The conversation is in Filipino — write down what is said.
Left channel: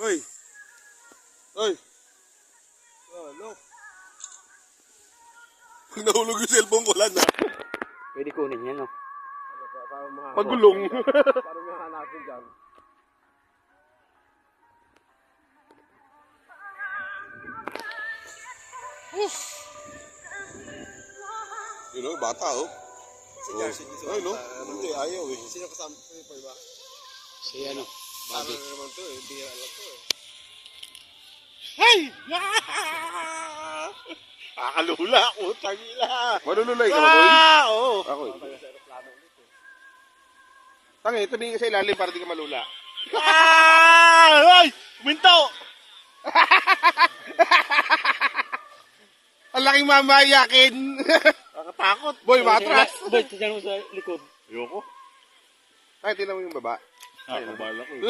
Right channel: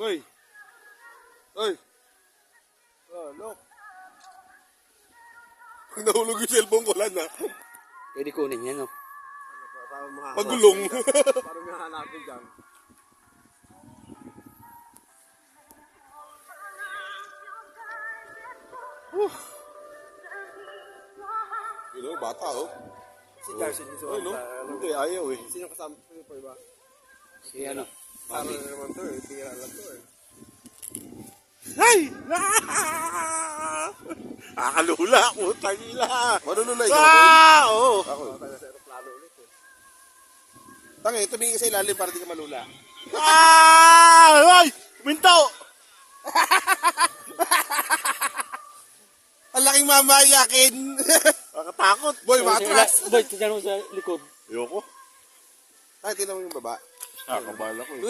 Hoy! Hoy! Ano? Pag nahulog yung cellphone ko lang na. Pwede kunin yan, no? Pagulong. Parang mahanapin dyan. You know, bata oh. Si Carson, Ay, no? Hindi, ayaw eh. Sino kasama ko ito, iba? Si ano? Bobby. Ano naman to eh, bira lang to eh. Hey! Akalula, utang ila. Manululay ka ba, boy? Oo. Ako eh. Tangi, tumingin ka sa ilalim para di ka malula. Ay! Minto! Ang laking mamayakin. Nakatakot. Boy, matras. Boy, tiyan mo sa likod. Ayoko. Ay, tinan mo yung baba. Kabala ko eh.